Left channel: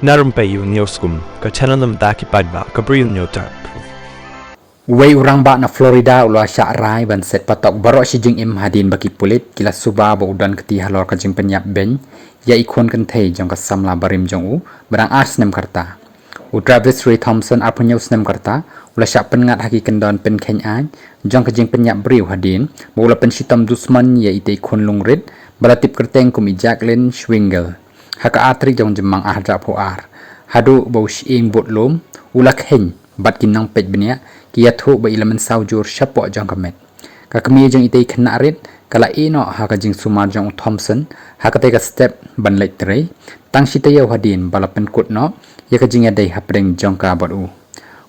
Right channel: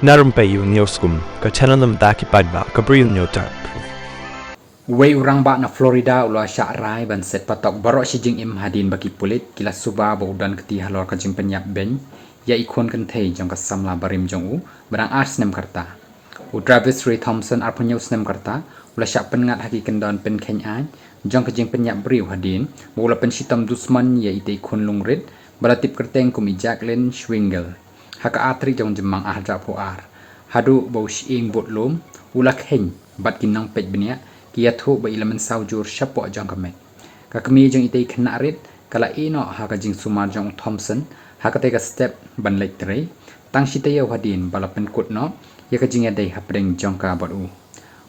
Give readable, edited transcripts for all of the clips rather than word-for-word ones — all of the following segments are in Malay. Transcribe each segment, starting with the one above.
Na Rympei U ka channel nam taki paidbah ka Bri U Hynñiewtrep. Wei urang ba na Florida ula syak rai ban set patok baroh si jing hadin baki pulit kila suba ba udan keti halor ka jing penyap ben ya ikon kan thei jong ka samla barim jong u barang Snem karta u Travis Ray Thompson apnyo Snem karta ula syak pengat haki kendon pen kheiñ ai jong ka jing penyap Bri U hadin ula pen sitam dusman ya ite ikon lungrit balatip kyrteng kum Jacqueline Schwingel haka atri jong jemang ahra poar hadu bau shing budlum ula kheiñ bat kinang pej benia kia thu ba ilaman saujur shapo jong kamet ka kami jong itei khna rit kala ino ha ka jing sumar jong Thompson ha ka te ka step ban lek tre tang sitayo hadin balapen kut no ya ka jing adai hapreng jong ka baru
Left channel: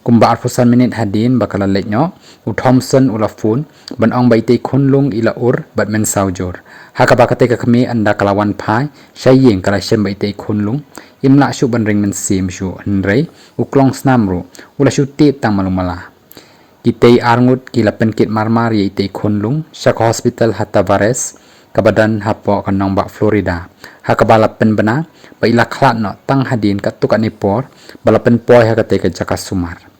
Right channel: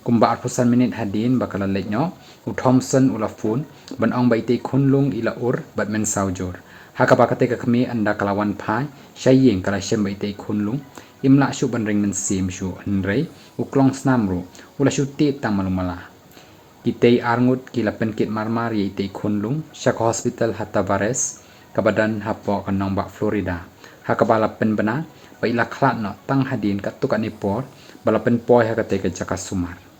kumba 4 minit hadin bakala lek no u Thompson ula phone ban ong ba itei khunlung ila ur bat men saujur ha ka ba ka te ka kami anda kalawan phai shayeng kala shem ba itei khunlung imla shu ban ring men sim shu hynrei u klong snam ru ula shu ti tang malumala kitei arngut kila penkit marmar ye itei khunlung shak hospital hatta bares kabadan hapo kanong ba Florida hakabala pen bana ba ila khlat no tang hadin katuk anipor balapen poi hakate ka jaka sumar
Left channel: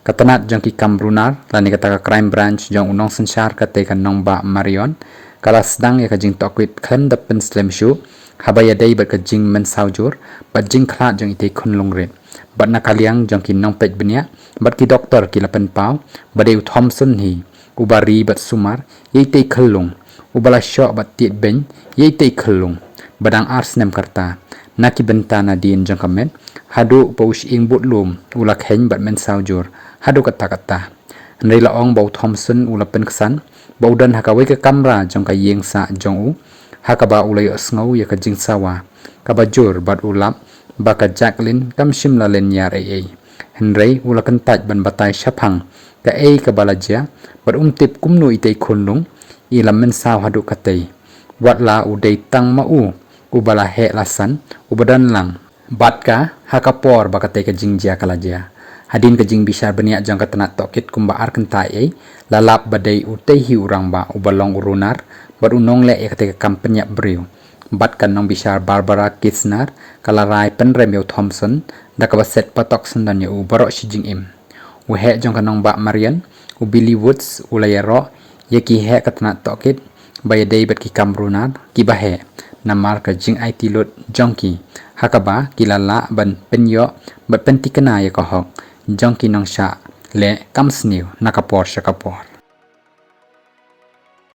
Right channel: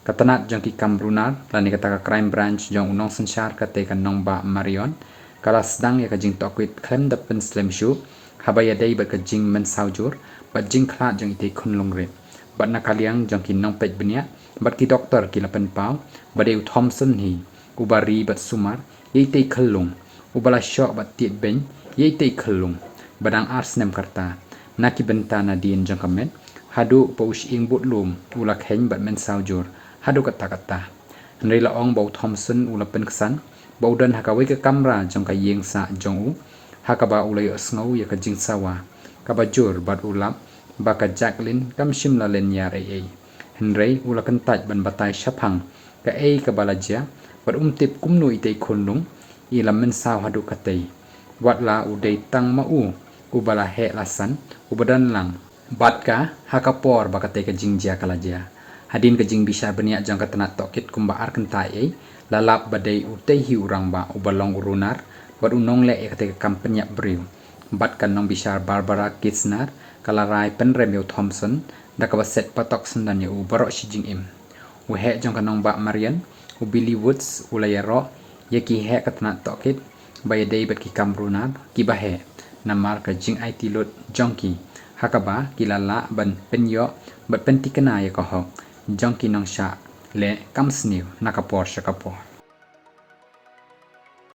katanat jong ki kamrunar lani kata ka crime branch jong unong sensar kate ka nong ba marion kala sedang ya ka jing tokwit khan da pen slam shu habaya dei ba ka jing men saujur ba jing khlat jong itei khunlung ret bat nakaliang jong ki nong pej benia bat ki doktor ki lapen pau badeu Thompson hi ubari bat sumar yeitei khallung ubala shok bat tiet ben yeitei khallung badang Snem karta naki benta na din jong kamet hadu paush ing budlum ula kheiñ bat men saujur hadu kata nrei la ong bau Thompson ula pen ksan baudan hakawe ka kamera jong ka yeng sa jong u hakaba ulai asngau ya ka jing sawa kabajur bat ulap baka Jacqueline kam shimla len yar ai hynrei ula kan taj ban batai shaphang ka ei ka balaja bat tip kumnu itei khunlung ila men saw hadu katei Watla udei tang ma u ubala he lasan ubadan lang batka hakapor bakate ka jingjia kalaja hadin ka jing bisar benia jang ka tanat tokit kumba ar kentai ei lalap badai utei hi urang ba ubalong urunar bat unong le ekate ka kampenya Bri U bat kan nong bisar Barbara Kitsner kalarai penrem Thompson da ka set patok sendan u baroh si jing u he jong kanong ba Marian u Billy Woods ulayaro yaki he katna tokit bayadei bat ki kamrunar ki bahe namar ka jing IT lot jongki hakaba kilala ban penyo bat pentikana ya ka hok jongki nong sha le kamsniu nakapor shakapor